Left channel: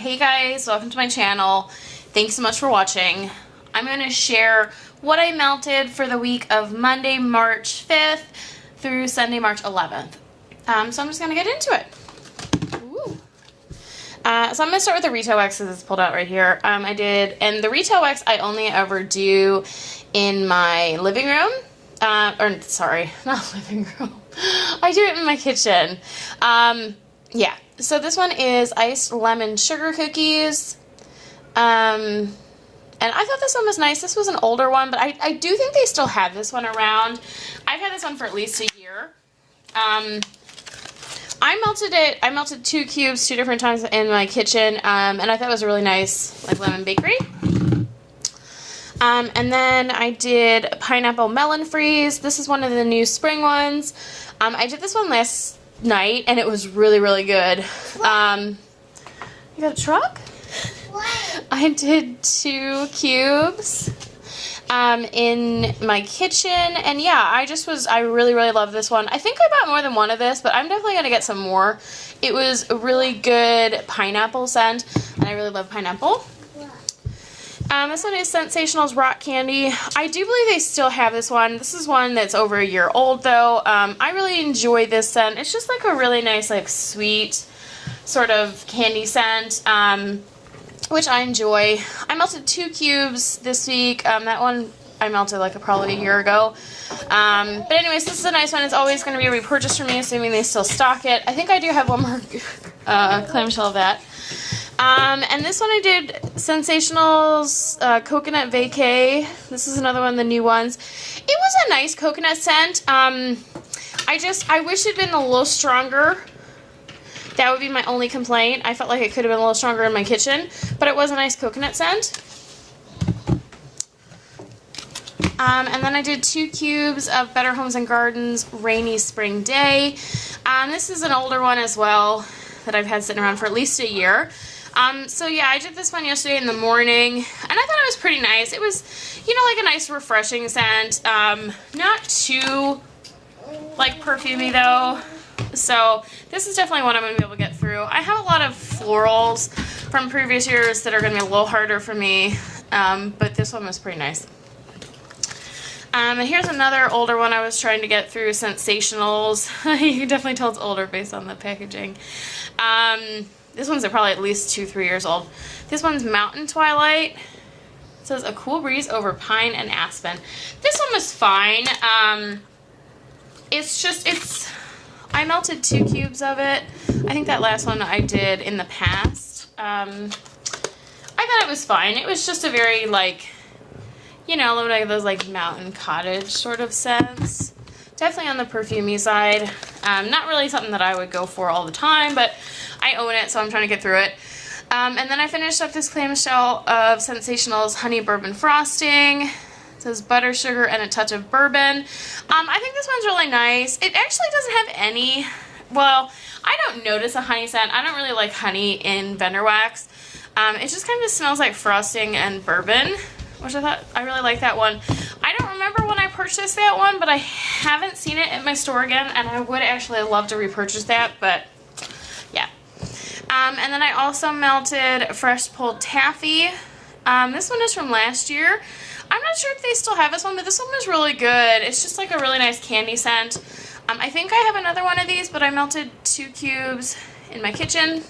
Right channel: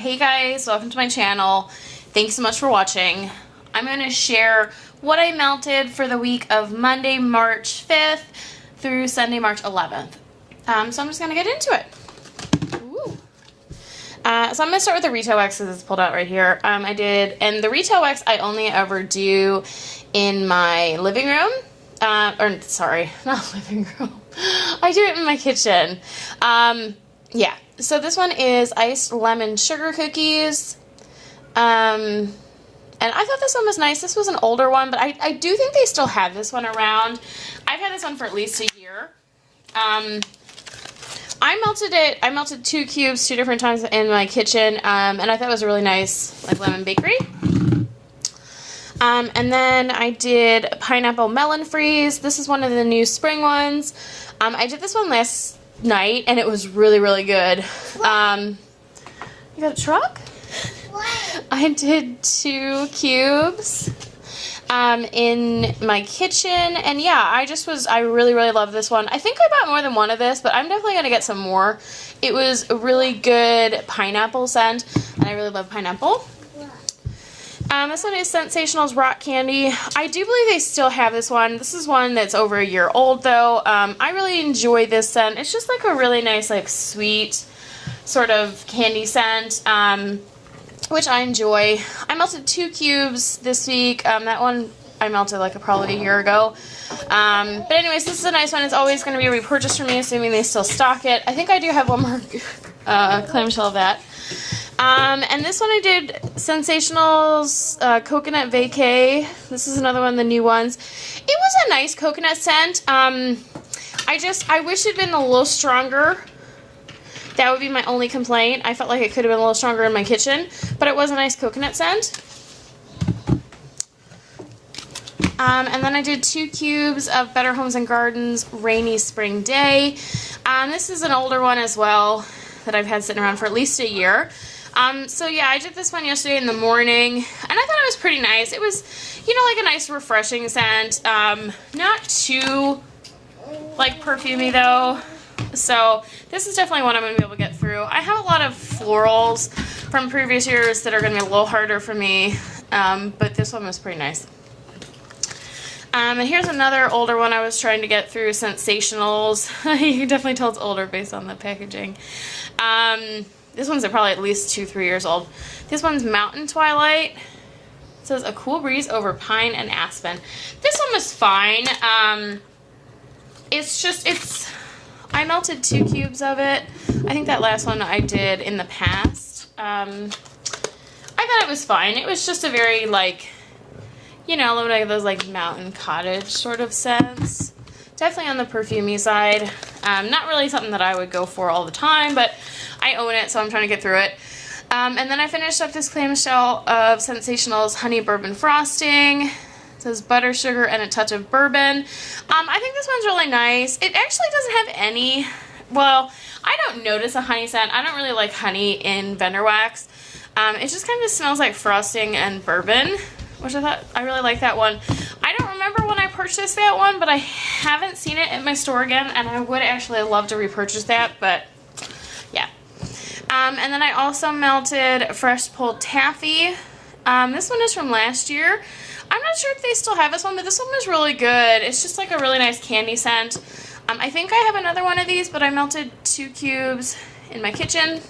Hey guys, welcome to my channel. Thanks so much for watching. I'm going to share what I melted for the week of Monday, March 5th through Sunday, March 11th. So I'm just going to get into it. Ooh. So I'm going to start with the retail wax because it's pulled out right here. And the retail wax I only ever do in my living room. Sorry, not living room. I do it in my kitchen. Yeah. So this one is iced lemon sugar cookies. And I thought this one was nice. This was an older one, but I do think they still have this one around. I've had this one for at least a year. I melted 2 cubes 2 different times in my kitchen, and I thought it was a really nice, like, lemon bakery. And then I did pineapple melon freeze. This is one of the new spring ones. I did this one last night, and it was really, really good. You got a truck? What? I did 2 cubes in my kitchen, and yeah, I really, really love this one. I think I bought more than one of this, but I'm definitely going to get some more. It was a really good pineapple scent, and I really love pineapple. This one is Sensationals Rock Candy. I do believe they still have this one. This is one that's over a year old, though. I really enjoy this scent. It's just like a really nice, like, sweet sort of candy scent, which I enjoy. I melted 2 cubes this week. That one I melted like probably a year ago. But anyways, this is a nice one. It's always going to be a repurchase for me, assuming they still stock it. I think I do have one more clamshell of that. And this one I did Sensationals Coconut Vacay. This is another one of the new ones. It was a nice coconut scent. I wish it had been a little stronger. That would be my only complaint. I felt like it could have been a little stronger in my kitchen, but it was a nice coconut scent. And then I did 2 cubes of Better Homes and Gardens Rainy Spring Day. This is an older one as well that I've had sitting around for at least a year. So yeah, I did this one yesterday in the morning, and I thought it was pretty nice. It was, you know, like a nice refreshing scent. Not too, like, perfumey though. So this is definitely one I'm going to be able to get through. I have a lot of florals from previous years that are going to be a little harder for me, but this one was pretty nice. And here's another older one I was trying to get through, Sensationals. You can definitely tell it's older based on the packaging. This one's probably at least 2-3 years old. This one's Mountain Twilight. It says a cool breeze over pine and aspen. This one was fine. I melted 2 cubes of it. I think that last one I did in the past. I thought it was fine. It was just a very, like, you know, like those, like, mountain cottage sort of scents. Definitely on the perfumey side. Not really something that I would go for all the time, but I own it, so I'm trying to get through it. And then I finished up this clamshell of Sensationals Honey Bourbon Frosting. It says butter, sugar, and a touch of bourbon. I think this one's really nice. It actually doesn't have any, well, I don't notice a honey scent. I don't really like honey in Bender Wax. It just kind of smells like frosting and bourbon, which I thought, I really like that one. I don't remember when I purchased that one, but I haven't seen it at my store again, and I would actually love to repurchase that, but yeah. And then I also melted Fresh Pulled Taffy. This one is from last year. I'm not sure if they still have this one, but this one was really good. It's just like a really nice candy scent. I think I have another one of these, but I melted 2 cubes in my kitchen.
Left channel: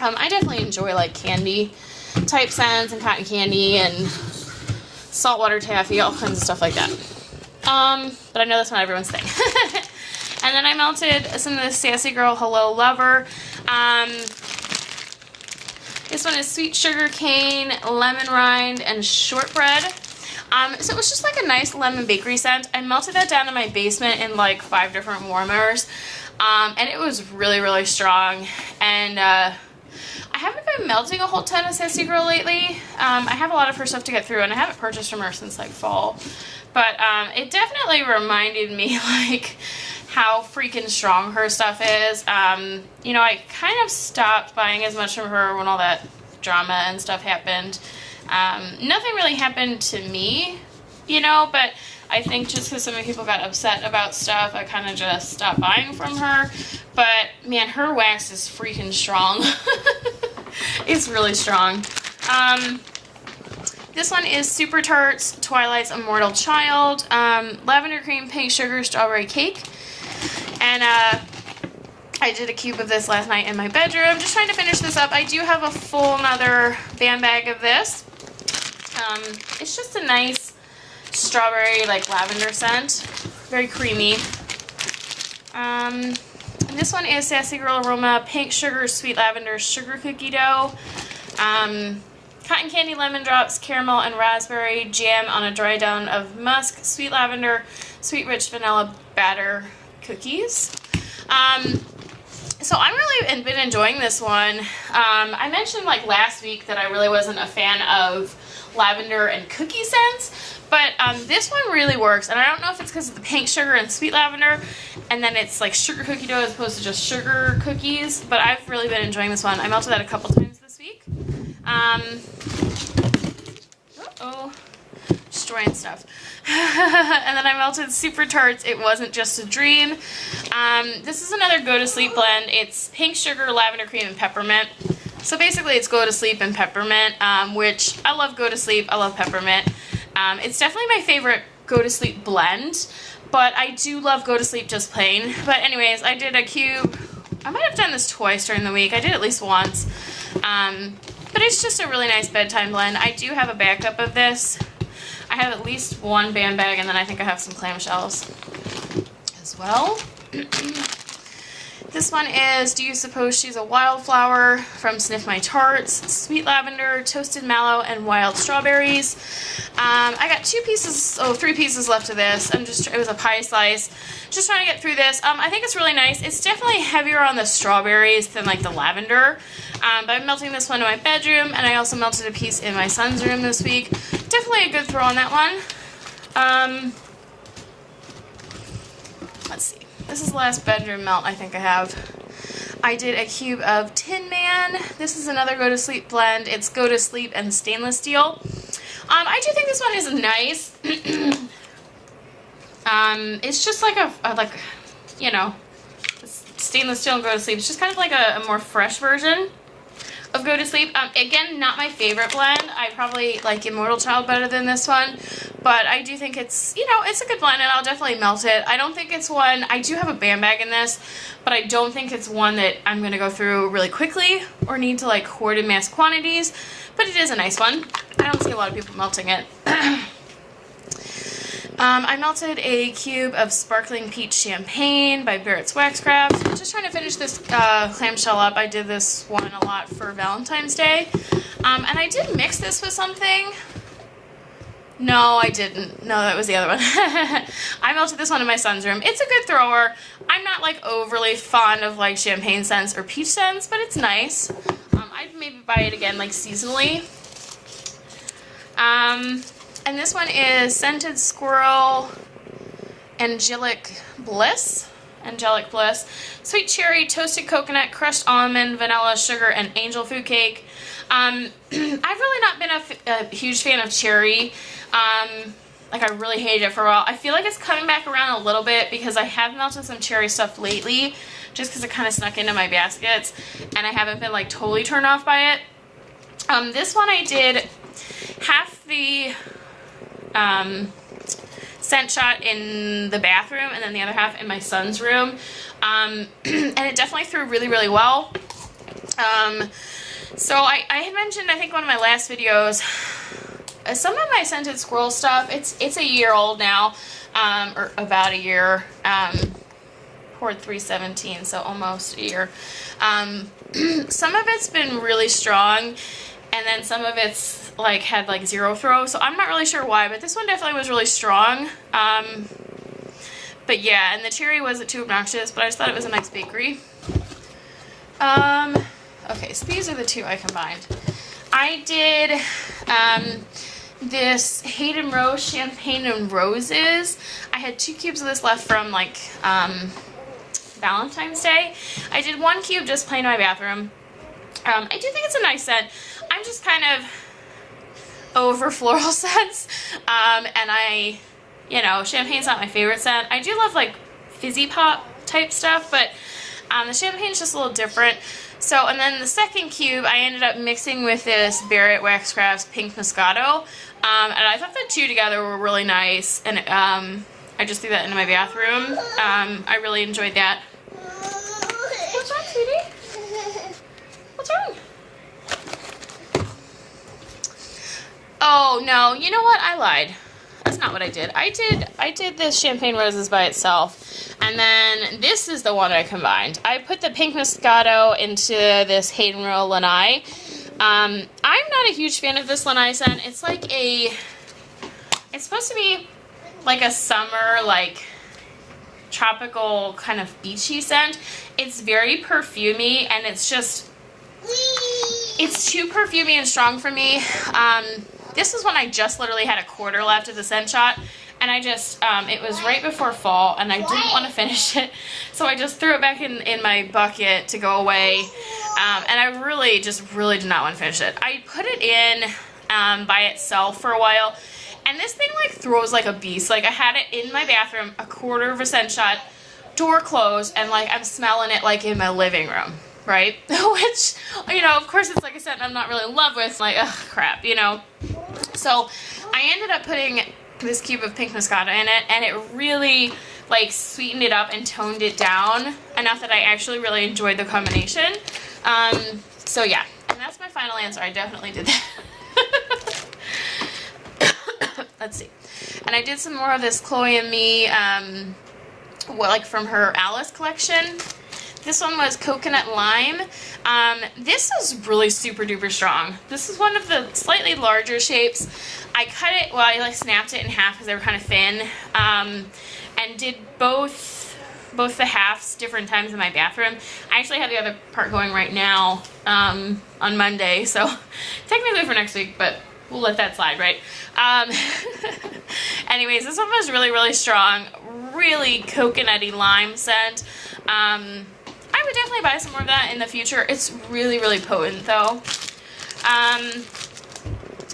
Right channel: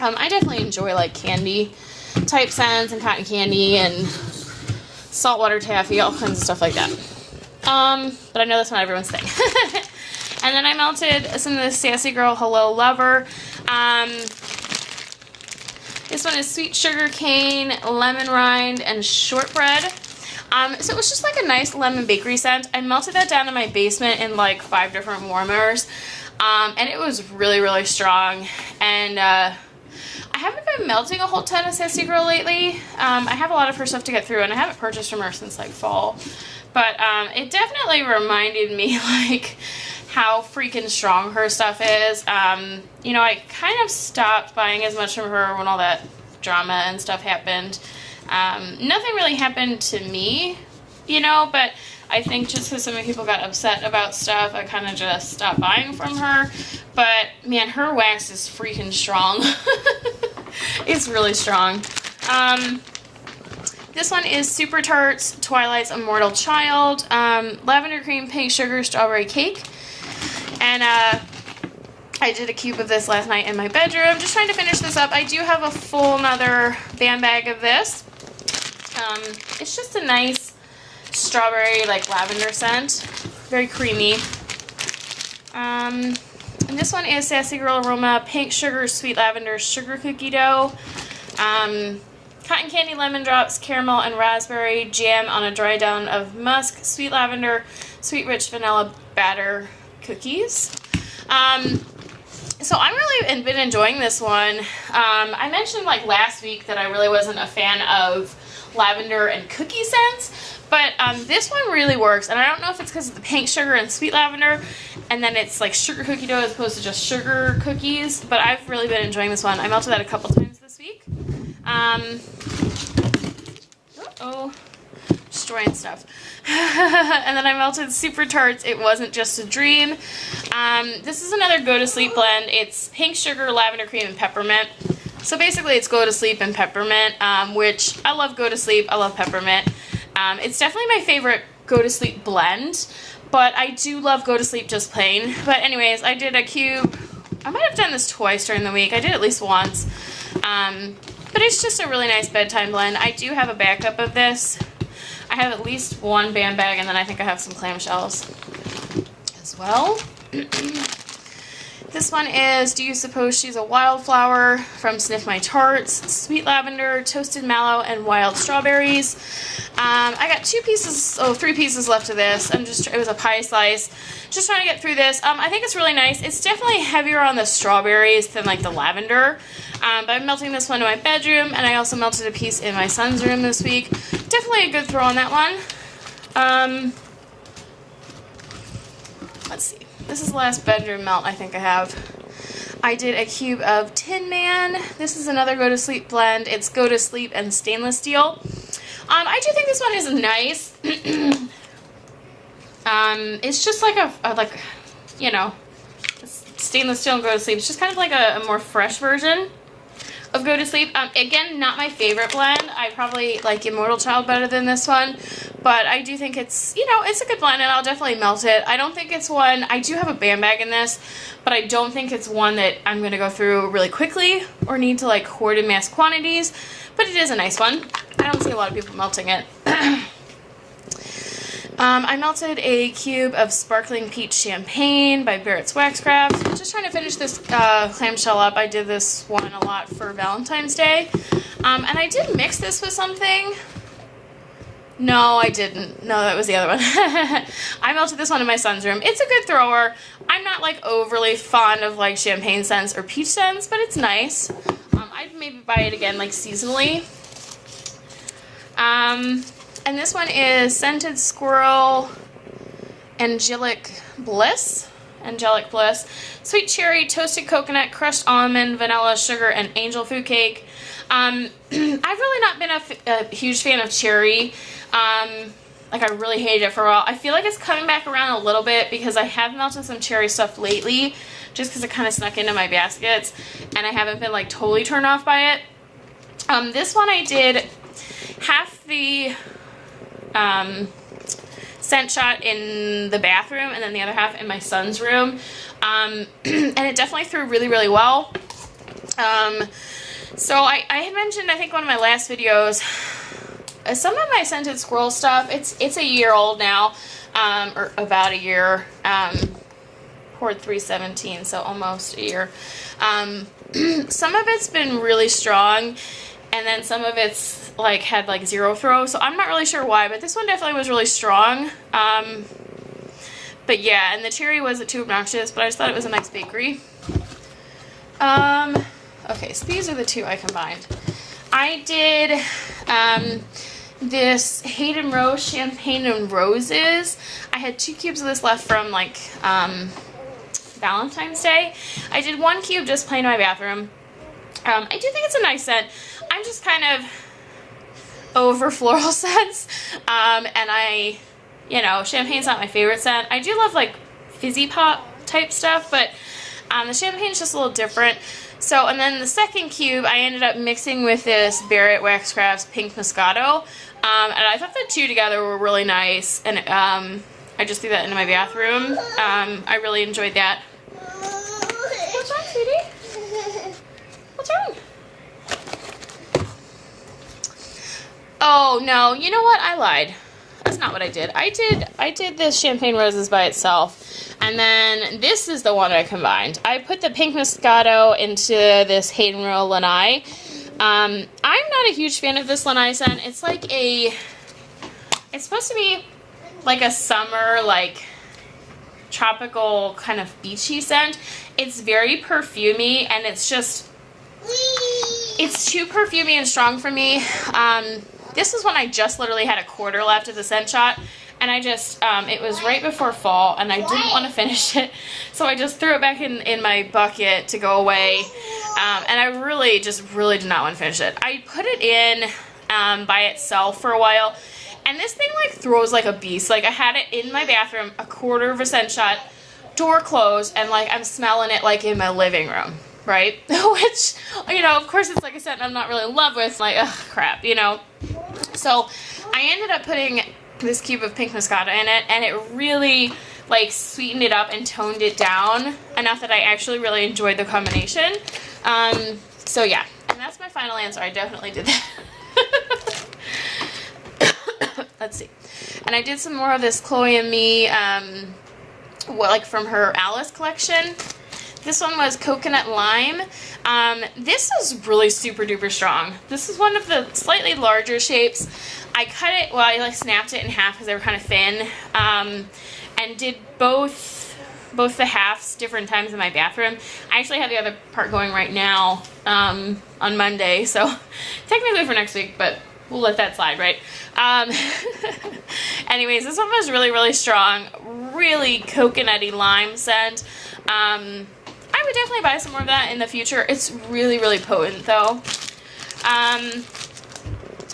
I definitely enjoy, like, candy type scents and cotton candy and saltwater taffy, all kinds of stuff like that. But I know that's not everyone's thing. And then I melted some of the Sassy Girl Hello Lover. This one is Sweet Sugar Cane, Lemon Rind, and Shortbread. So it was just like a nice lemon bakery scent. I melted that down in my basement in like 5 different warmers. And it was really, really strong. And I haven't been melting a whole ton of Sassy Girl lately. I have a lot of her stuff to get through, and I haven't purchased from her since like fall. But it definitely reminded me like how freaking strong her stuff is. You know, I kind of stopped buying as much from her when all that drama and stuff happened. Nothing really happened to me, you know, but I think just because so many people got upset about stuff, I kind of just stopped buying from her. But, man, her wax is freaking strong. It's really strong. This one is Super Tarts Twilight's Immortal Child, lavender cream, pink sugar, strawberry cake. And I did a cube of this last night in my bedroom. Just trying to finish this up. I do have a full another band bag of this. It's just a nice strawberry, like, lavender scent. Very creamy. And this one is Sassy Girl Aroma Pink Sugar Sweet Lavender Sugar Cookie Dough. Cotton candy, lemon drops, caramel, and raspberry jam on a dry down of musk, sweet lavender, sweet rich vanilla batter cookies. So I'm really been enjoying this one. I mentioned like last week that I really wasn't a fan of lavender and cookie scents, but this one really works. And I don't know if it's because of the pink sugar and sweet lavender, and then it's like sugar cookie dough as opposed to just sugar cookies, but I've really been enjoying this one. I melted that a couple times this week. Destroying stuff. And then I melted Super Tarts It Wasn't Just a Dream. This is another Go to Sleep blend. It's pink sugar, lavender cream, and peppermint. So basically it's Go to Sleep and peppermint, which I love Go to Sleep. I love peppermint. It's definitely my favorite Go to Sleep blend, but I do love Go to Sleep just plain. But anyways, I did a cube. I might have done this twice during the week. I did at least once. But it's just a really nice bedtime blend. I do have a backup of this. I have at least one band bag, and then I think I have some clamshells as well. This one is Do You Suppose She's a Wildflower from Sniff My Tarts. Sweet lavender, toasted mallow, and wild strawberries. I got 3 pieces left of this. It was a pie slice. Just trying to get through this. I think it's really nice. It's definitely heavier on the strawberries than like the lavender. But I'm melting this one in my bedroom, and I also melted a piece in my son's room this week. Definitely a good throw on that one. Let's see. This is the last bedroom melt I think I have. I did a cube of Tin Man. This is another Go to Sleep blend. It's Go to Sleep and stainless steel. I do think this one is nice. It's just like stainless steel and Go to Sleep. It's just kind of like a more fresh version of Go to Sleep. Again, not my favorite blend. I probably like Immortal Child better than this one, but I do think it's, it's a good blend, and I'll definitely melt it. I don't think it's one, I do have a band bag in this, but I don't think it's one that I'm going to go through really quickly or need to like hoard in mass quantities, but it is a nice one. I don't see a lot of people melting it. I melted a cube of Sparkling Peach Champagne by Barrett's Waxcraft. Just trying to finish this clamshell up. I did this one a lot for Valentine's Day. And I did mix this with something. No, I didn't. No, that was the other one. I melted this one in my son's room. It's a good thrower. I'm not like overly fond of like champagne scents or peach scents, but it's nice. I'd maybe buy it again like seasonally. And this one is Scented Squirrel Angelic Bliss. Sweet cherry, toasted coconut, crushed almond, vanilla, sugar, and angel food cake. I've really not been a huge fan of cherry. Like, I really hated it for a while. I feel like it's coming back around a little bit because I have melted some cherry stuff lately just because it kind of snuck into my baskets, and I haven't been, like, totally turned off by it. This one I did half the scent shot in the bathroom and then the other half in my son's room. And it definitely threw really, really well. So I had mentioned, I think one of my last videos, some of my Scented Squirrel stuff, it's a year old now, or about a year, poured 317, so almost a year. Some of it's been really strong, and then some of it's like had like 0 throw, so I'm not really sure why, but this one definitely was really strong. But yeah, and the cherry wasn't too obnoxious, but I just thought it was a nice bakery. Okay, so these are the two I combined. I did this Hayden Rose Champagne and Roses. I had 2 cubes of this left from like Valentine's Day. I did 1 cube just plain in my bathroom. I do think it's a nice scent. I'm just kind of over floral scents, and champagne's not my favorite scent. I do love like fizzy pop type stuff, but the champagne's just a little different. So, and then the second cube, I ended up mixing with this Barrett Wax Crafts Pink Moscato, and I thought the two together were really nice, and I just threw that into my bathroom. I really enjoyed that. What's wrong, sweetie? What's wrong? Oh, no, you know what? I lied. That's not what I did. I did this Champagne Roses by itself, and then this is the one I combined. I put the Pink Moscato into this Hayden Royal Lanai. I'm not a huge fan of this Lanai scent. It's like it's supposed to be like a summer, like, tropical kind of beachy scent. It's very perfumey, and it's too perfumey and strong for me. This is when I just literally had a quarter left of the scent shot, and I just, it was right before fall, and I didn't want to finish it, so I just threw it back in my bucket to go away, and I really did not want to finish it. I put it in by itself for a while, and this thing, like, throws like a beast. Like, I had it in my bathroom, a quarter of a scent shot, door closed, and, like, I'm smelling it, like, in my living room. Right? Which, you know, of course it's like a scent I'm not really in love with. Like, oh, crap, you know? So, I ended up putting this cube of Pink Moscato in it, and it really, like, sweetened it up and toned it down enough that I actually really enjoyed the combination. So, yeah. And that's my final answer. I definitely did that. Let's see. And I did some more of this Chloe and Me, like, from her Alice collection. This one was Coconut Lime. This is really super duper strong. This is one of the slightly larger shapes. I cut it, well, I like snapped it in half because they were kind of thin, and did both the halves different times in my bathroom. I actually have the other part going right now on Monday, so technically for next week, but we'll let that slide, right? Anyways, this one was really, really strong. Really coconutty lime scent. I would definitely buy some more of that in the future. It's really, really potent, though.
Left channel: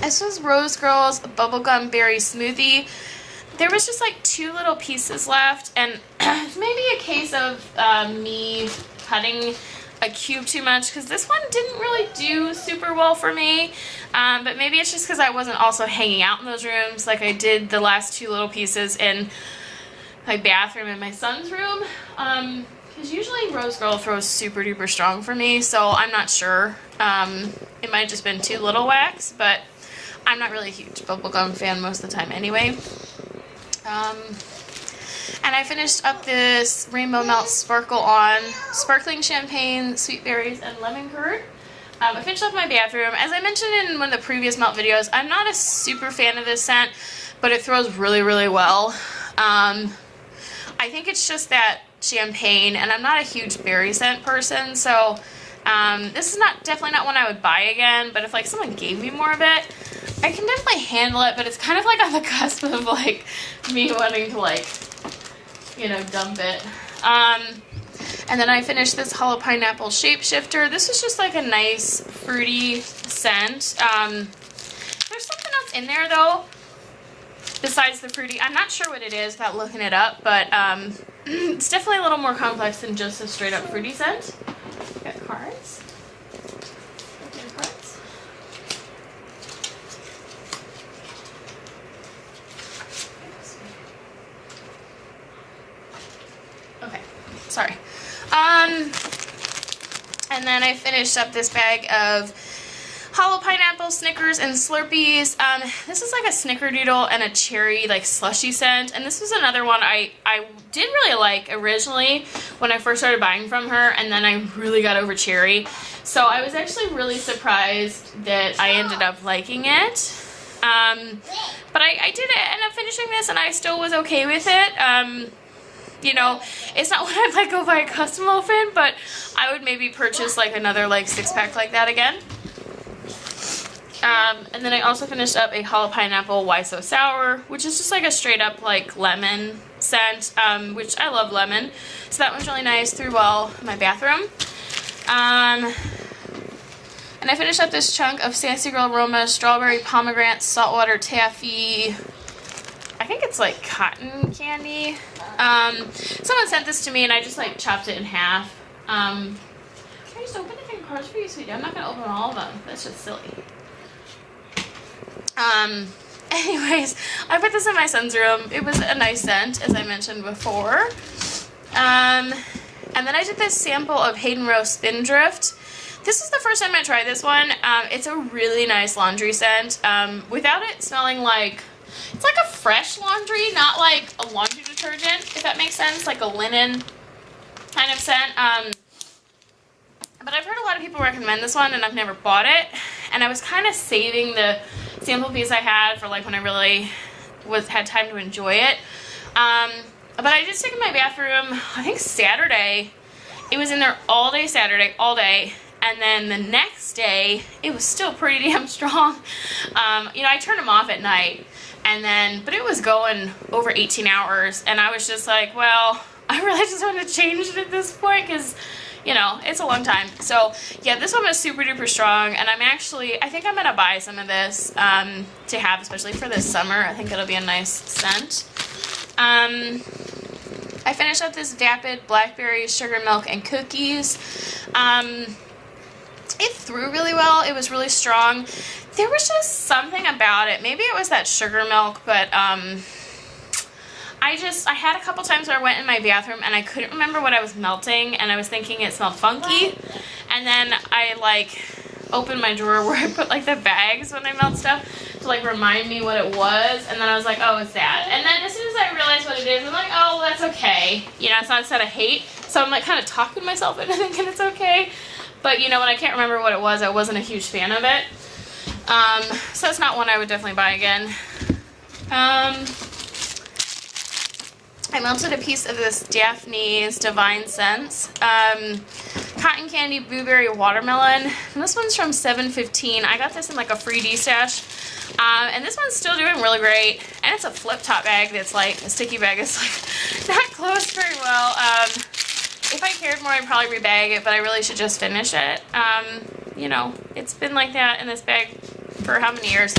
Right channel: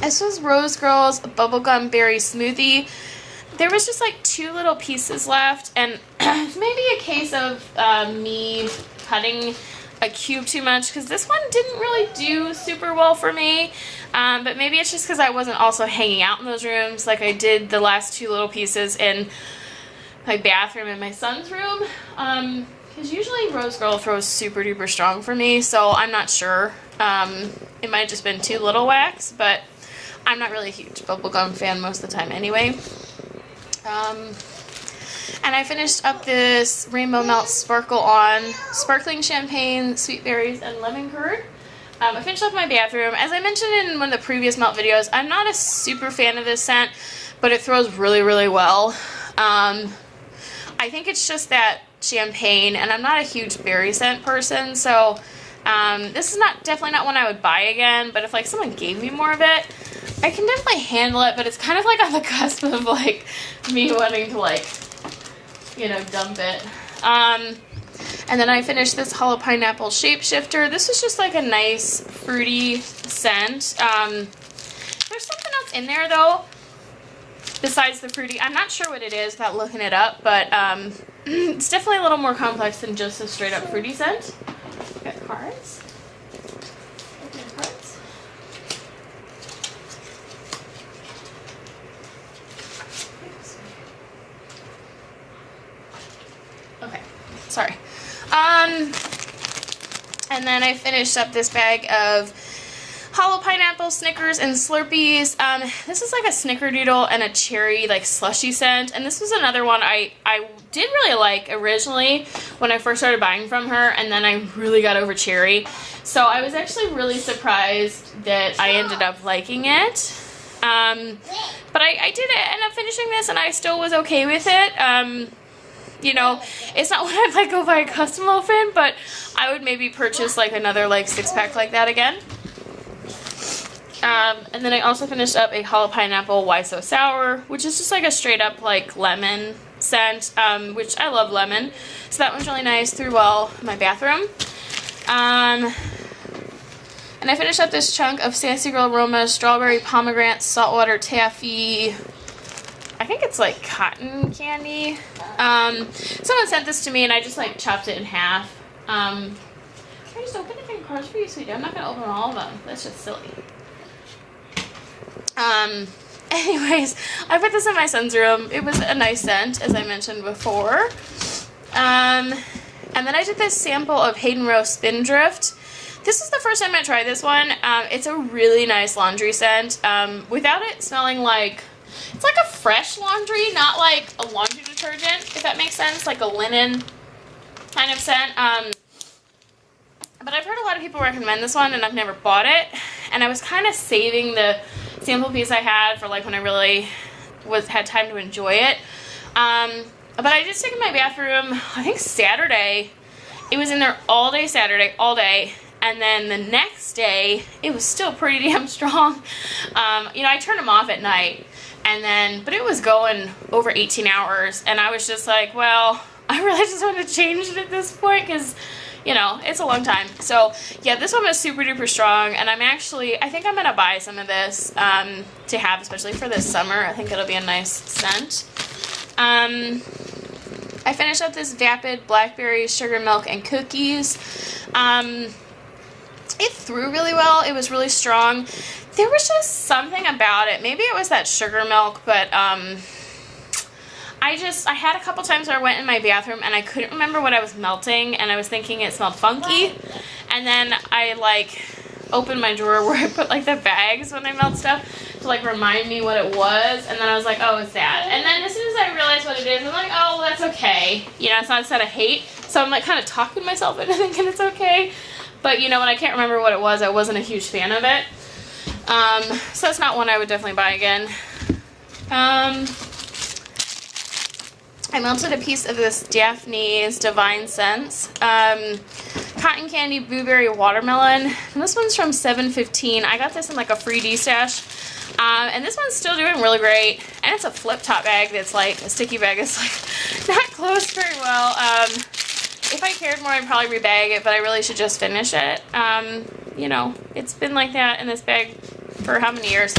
This was Rose Girls Bubblegum Berry Smoothie. There was just, like, 2 little pieces left, and maybe a case of me cutting a cube too much, because this one didn't really do super well for me, but maybe it's just because I wasn't also hanging out in those rooms like I did the last 2 little pieces in my bathroom and my son's room. Because usually Rose Girl throws super duper strong for me, so I'm not sure. It might have just been too little wax, but I'm not really a huge bubblegum fan most of the time anyway. And I finished up this Rainbow Melt Sparkle On Sparkling Champagne, Sweet Berries, and Lemon Curd. I finished up my bathroom. As I mentioned in one of the previous melt videos, I'm not a super fan of this scent, but it throws really, really well. I think it's just that champagne, and I'm not a huge berry scent person, so this is definitely not one I would buy again, but if, like, someone gave me more of it, I can definitely handle it, but it's kind of, like, on the cusp of, like, me wanting to, like, you know, dump it. And then I finished this Hollow Pineapple Shapeshifter. This is just, like, a nice, fruity scent. There's something else in there, though, besides the fruity. I'm not sure what it is without looking it up, but it's definitely a little more complex than just a straight up fruity scent. Got cards. Opening cards. Okay, sorry. And then I finished up this bag of Hollow Pineapple, Snickers, and Slurpees. This is like a Snickerdoodle and a cherry, like, slushy scent. And this was another one I did really like originally when I first started buying from her, and then I really got over cherry. So I was actually really surprised that I ended up liking it. But I did end up finishing this, and I still was okay with it. You know, it's not what I'd, like, go buy a custom often, but I would maybe purchase, like, another, like, 6-pack like that again. And then I also finished up a Hollow Pineapple Why So Sour, which is just like a straight up like lemon scent, which I love lemon. So that one's really nice, threw well in my bathroom. And I finished up this chunk of Sassy Girl Aroma Strawberry Pomegranate Saltwater Taffy. I think it's like cotton candy. Someone sent this to me and I just like chopped it in half. Can I just open it and cards for you, sweetie. I'm not going to open all of them. That's just silly. Anyways, I put this in my son's room. It was a nice scent, as I mentioned before. And then I did this sample of Hayden Rowe Spindrift. This is the first time I tried this one. It's a really nice laundry scent. Without it smelling like, it's like a fresh laundry, not like a laundry detergent, if that makes sense, like a linen kind of scent. But I've heard a lot of people recommend this one, and I've never bought it. And I was kind of saving the sample piece I had for like when I really had time to enjoy it. But I did stick in my bathroom, I think Saturday. It was in there all day Saturday, all day. And then the next day, it was still pretty damn strong. You know, I turned them off at night. But it was going over 18 hours. And I was just like, well, I really just want to change it at this point because, you know, it's a long time. So, yeah, this one was super duper strong. And I think I'm going to buy some of this to have, especially for this summer. I think it'll be a nice scent. I finished up this Vapid Blackberry Sugar Milk and Cookies. It threw really well. It was really strong. There was just something about it. Maybe it was that sugar milk, but I had a couple times where I went in my bathroom and I couldn't remember what I was melting, and I was thinking it smelled funky. And then I opened my drawer where I put the bags when I melt stuff to remind me what it was, and then I was like, oh, it's that. And then as soon as I realized what it is, I'm like, oh, well, that's okay. You know, it's not a set of hate. So I'm kind of talking myself into thinking it's okay. But, you know, when I can't remember what it was, I wasn't a huge fan of it. So it's not one I would definitely buy again. I melted a piece of this Daphne's Divine Scents. Cotton Candy Blueberry Watermelon. And this one's from 715. I got this in a free D-stash. And this one's still doing really great. And it's a flip top bag that's a sticky bag that's not closed very well. If I cared more, I'd probably rebag it, but I really should just finish it. You know, it's been like that in this bag for how many years?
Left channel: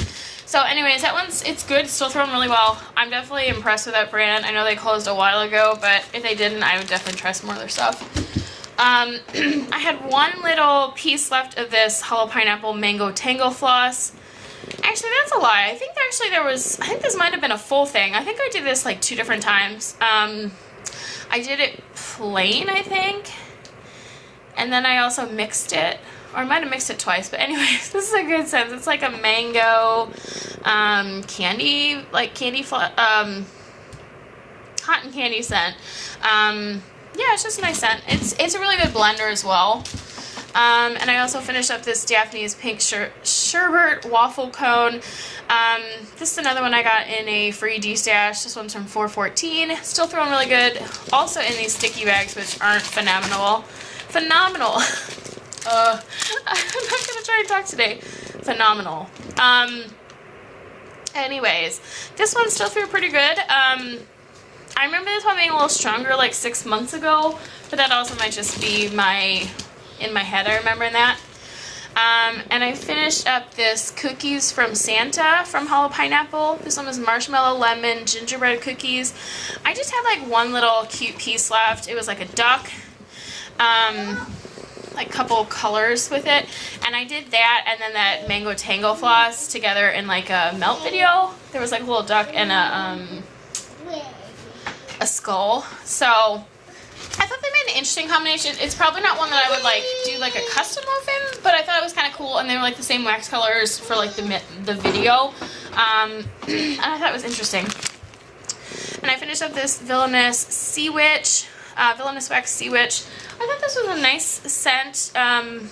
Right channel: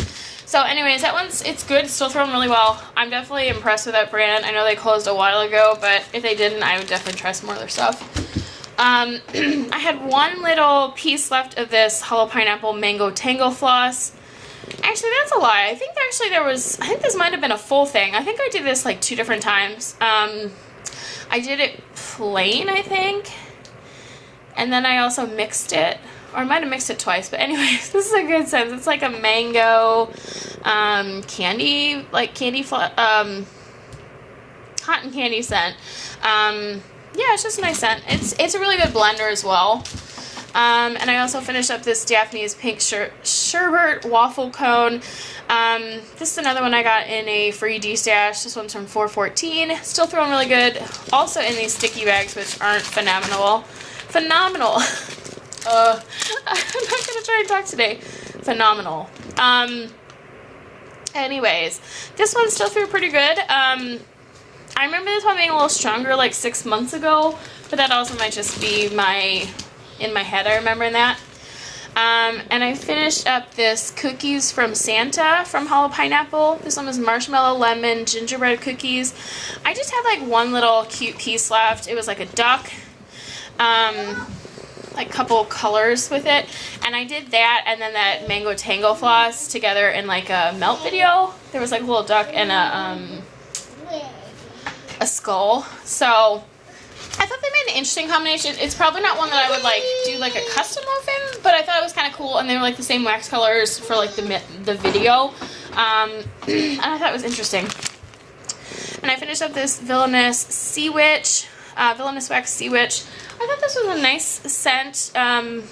So anyways, it's good. It's still throwing really well. I'm definitely impressed with that brand. I know they closed a while ago, but if they didn't, I would definitely try some more of their stuff. I had one little piece left of this Hollow Pineapple Mango Tango Floss. Actually, that's a lie. I think this might have been a full thing. I think I did this 2 different times. I did it plain, I think. And then I also mixed it. Or I might have mixed it twice. But anyways, this is a good scent. It's a mango candy, cotton candy scent. Yeah, it's just a nice scent. It's a really good blender as well. And I also finished up this Daphne's Pink Sherbet Waffle Cone. This is another one I got in a free D-stash. This one's from 414. Still throwing really good. Also in these sticky bags, which aren't phenomenal. Phenomenal. I'm not going to try and talk today. Phenomenal. Anyways, this one still threw pretty good. I remember this one being a little stronger 6 months ago, but that also might just be in my head, I remember that. And I finished up this Cookies from Santa from Hollow Pineapple. This one was marshmallow, lemon, gingerbread cookies. I just had one little cute piece left. It was a duck, couple colors with it. And I did that and then that Mango Tango Floss together in a melt video. There was a little duck and a skull. So I thought they made an interesting combination. It's probably not one that I would do a custom muffin, but I thought it was kind of cool, and they were the same wax colors for the video. And I thought it was interesting. And I finished up this Villainous Sea Witch, Villainous Wax Sea Witch. I thought this was a nice scent, kind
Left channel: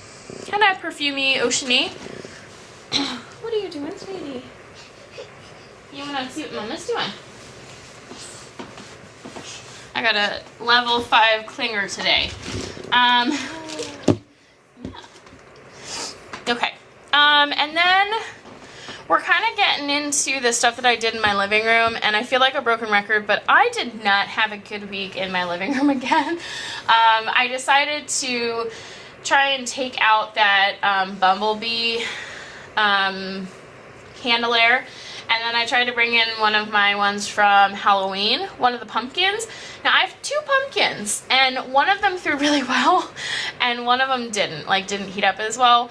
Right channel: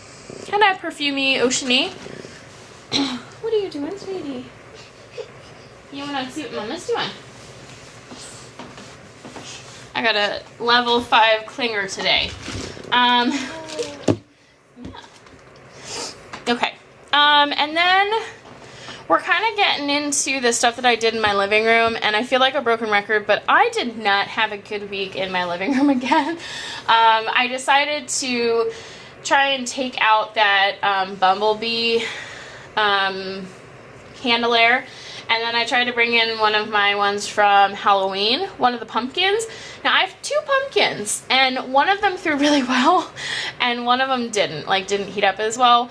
of perfumey, oceany. What are you doing, sweetie? You want to see what Mama's doing? I got a level 5 clinger today. Yeah. Okay. And then we're kind of getting into the stuff that I did in my living room, and I feel like a broken record, but I did not have a good week in my living room again. I decided to try and take out that Bumblebee candelier, And then I tried to bring in one of my ones from Halloween, one of the pumpkins. Now I have 2 pumpkins, and one of them threw really well, and one of them didn't heat up as well.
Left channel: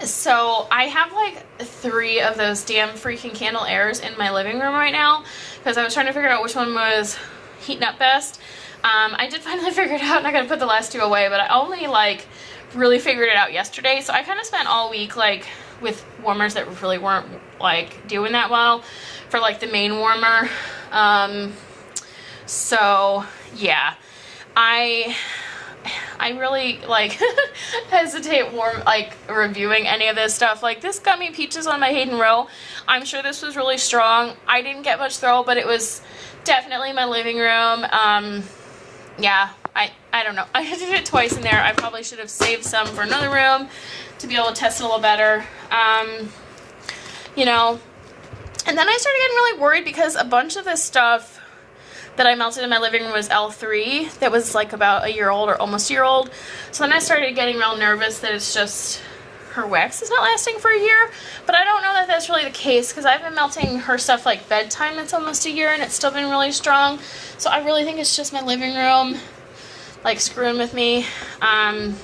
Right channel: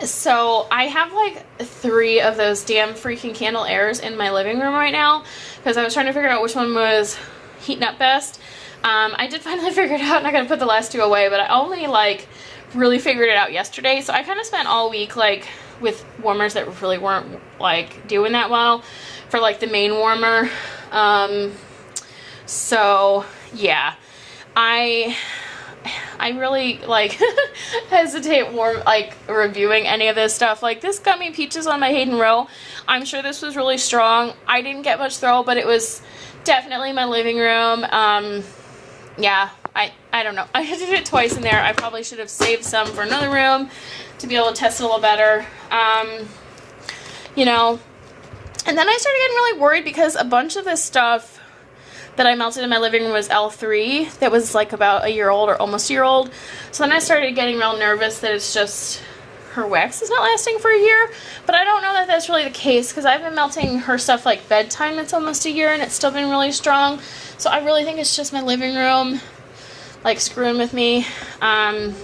So I have like 3 of those damn freaking candle airs in my living room right now, because I was trying to figure out which one was heating up best. I did finally figure it out, and I gotta put the last 2 away, but I only like really figured it out yesterday, so I kind of spent all week like with warmers that really weren't like doing that well for like the main warmer. So yeah, I really like hesitate reviewing any of this stuff. Like this Gummy Peaches on my Hayden Row, I'm sure this was really strong. I didn't get much throw, but it was definitely my living room. Yeah, I don't know. I did it twice in there. I probably should have saved some for another room to be able to test it a little better. You know, and then I started getting really worried because a bunch of this stuff that I melted in my living room was L3 that was like about a year old or almost a year old. So then I started getting real nervous that it's just her wax is not lasting for a year. But I don't know that that's really the case, because I've been melting her stuff like bedtime that's almost a year and it's still been really strong. So I really think it's just my living room like screwing with me. I'm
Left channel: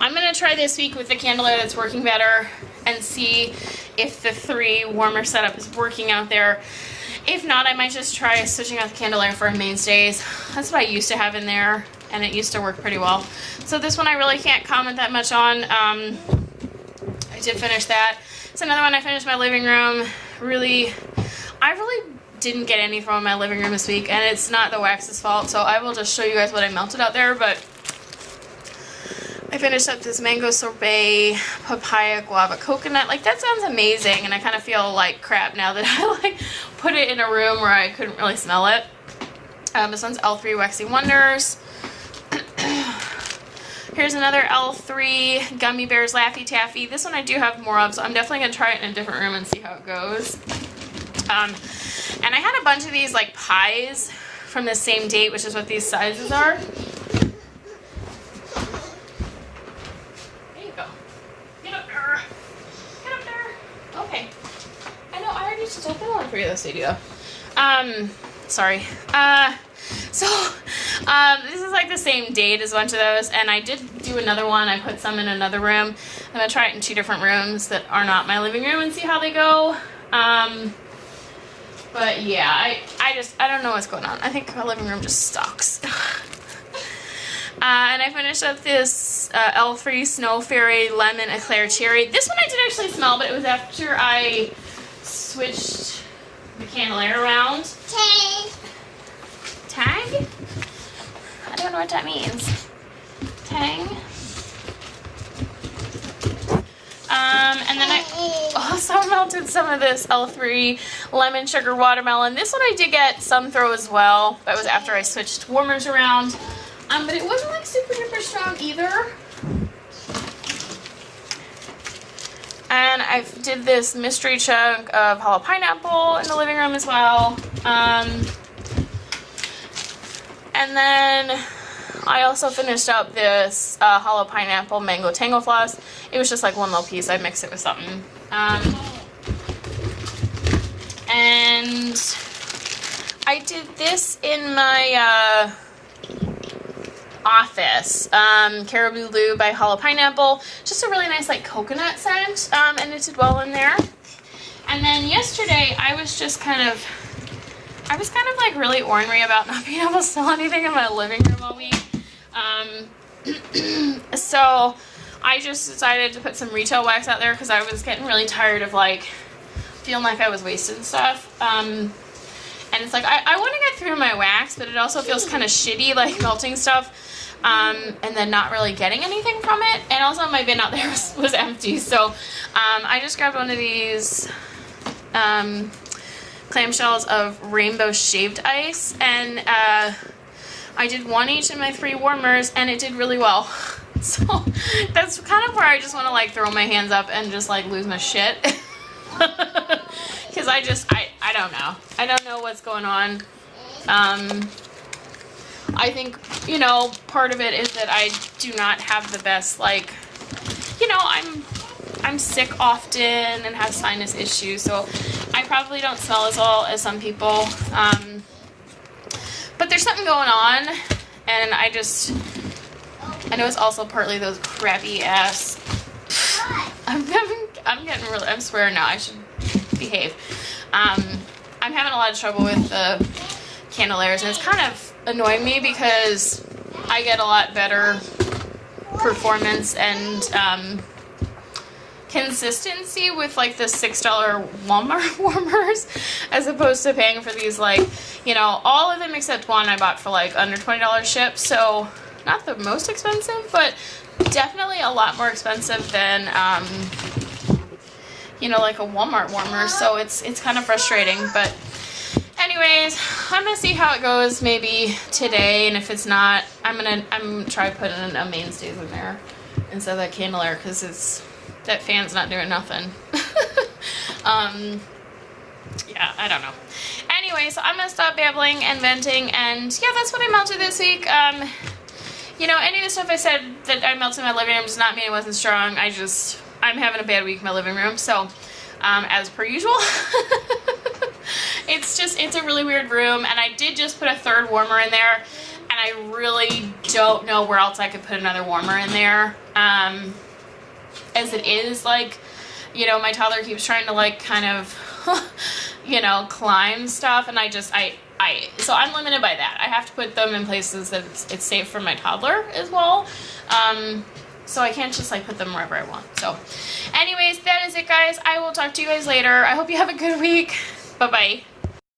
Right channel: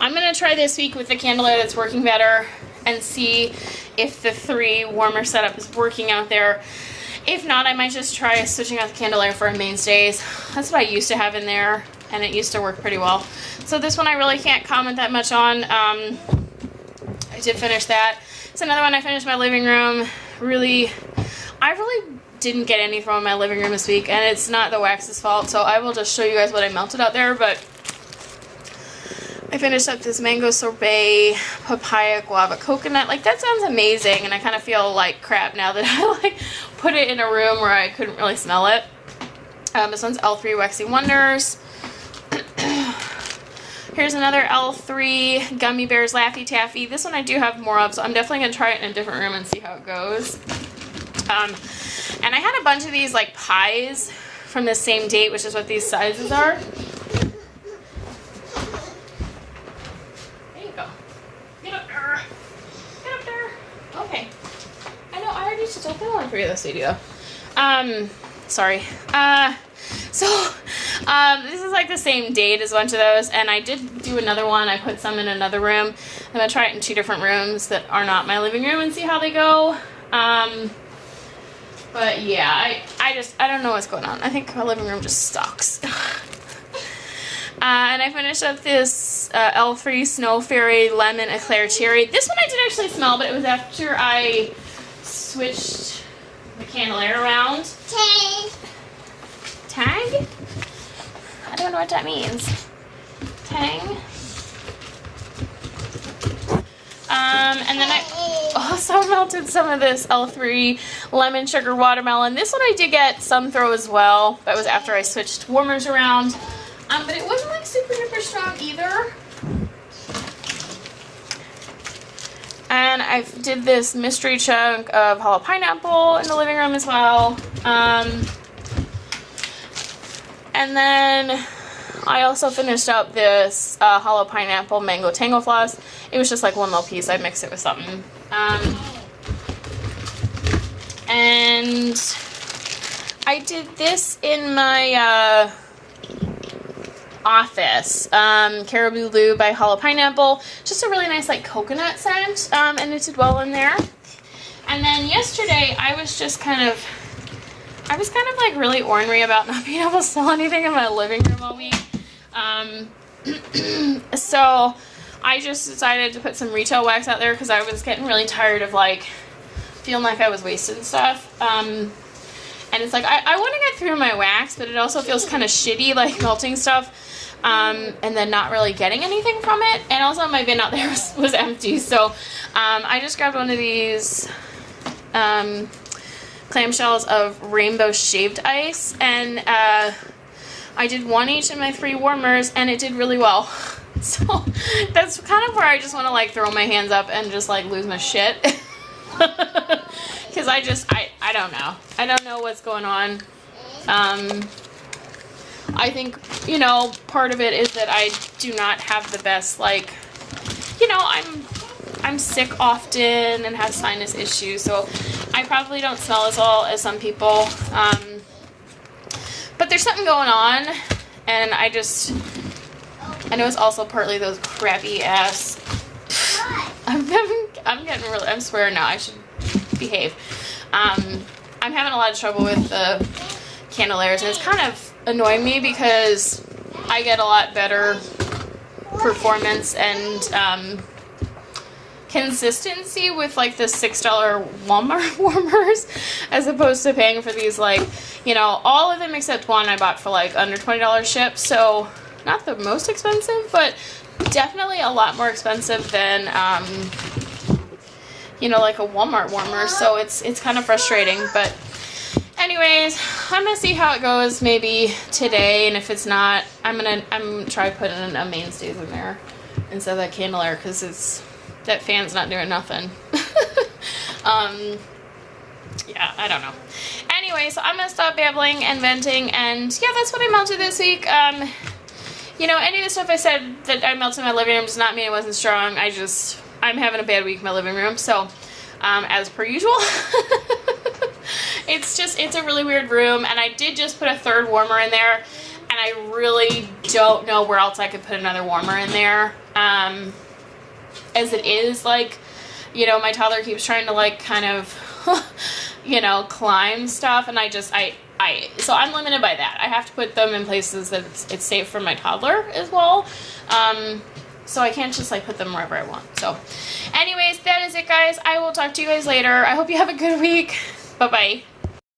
going to try this week with the candle air that's working better and see if the 3 warmer setup is working out there. If not, I might just try switching out the candle air for mainstays. That's what I used to have in there, and it used to work pretty well. So this one I really can't comment that much on. I did finish that. It's another one I finished my living room. I really didn't get any from my living room this week, and it's not the wax's fault, so I will just show you guys what I melted out there. But I finished up this mango sorbet, papaya, guava, coconut. Like, that sounds amazing, and I kind of feel like crap now that I like put it in a room where I couldn't really smell it. This one's L3 Waxing Wonders. Here's another L3 Gummy Bears Laffy Taffy. This one I do have more of, so I'm definitely going to try it in a different room and see how it goes. And I had a bunch of these like pies from the same date, which is what these sizes are. There you go. Get up there. Get up there. Okay. I know, I already should open one for you this video. Sorry. This is like the same date as a bunch of those, and I did do another one. I put some in another room. I'm going to try it in 2 different rooms that are not my living room and see how they go. But yeah, I don't know what's going on. I think our living room just sucks. And I finished up this L3 Snow Fairy Lemon Eclair Cherry. This one I did actually smell, but it was after I switched the candle air around. Tag? I don't know what that means. Tang. And then I also melted some of this L3 Lemon Sugar Watermelon. This one I did get some throw as well. That was after I switched warmers around. But it wasn't like super duper strong either. And I did this mystery chunk of hollow pineapple in the living room as well. And then I also finished up this hollow pineapple mango tango floss. It was just like one little piece. I mixed it with something. And I did this in my office. Caribou Lou by Hollow Pineapple. Just a really nice like coconut scent. And it did well in there. And then yesterday I was kind of like really ornery about not being able to smell anything in my living room all week. So I just decided to put some retail wax out there because I was getting really tired of like feeling like I was wasting stuff. And it's like I want to get through my wax, but it also feels kind of shitty like melting stuff and then not really getting anything from it. And also my bin out there was empty, so I just grabbed one of these clamshells of rainbow shaved ice, and I did 1 each in my 3 warmers, and it did really well. So that's kind of where I just want to like throw my hands up and just like lose my shit. Because I don't know. I don't know what's going on. I think, you know, part of it is that I do not have the best, like, you know, I'm sick often and have sinus issues, so I probably don't smell as well as some people. But there's something going on, and I know it's also partly those crappy ass. I'm getting really, I'm swearing now, I should behave. I'm having a lot of trouble with the Candelairs, and it's kind of annoying me because I get a lot better performance and consistency with like the $6 Walmart warmers as opposed to paying for these, like, you know, all of them except one I bought for like under $20 shipped, so not the most expensive, but definitely a lot more expensive than you know, like a Walmart warmer, so it's kind of frustrating. But anyways, I'm gonna see how it goes maybe today, and if it's not, I'm gonna try putting a mainstays in there instead of that Candelaire, because that fan's not doing nothing. Yeah, I don't know. Anyway, so I'm gonna stop babbling and venting, and yeah, that's what I melted this week. You know, any of the stuff I said that I melted in my living room does not mean it wasn't strong. I'm having a bad week in my living room, so as per usual. It's a really weird room, and I did just put a third warmer in there, and I really don't know where else I could put another warmer in there. As it is, like, you know, my toddler keeps trying to, like, kind of, you know, climb stuff, and so I'm limited by that. I have to put them in places that it's safe for my toddler as well. So I can't just, like, put them wherever I want. So anyways, that is it, guys. I will talk to you guys later. I hope you have a good week. Bye-bye.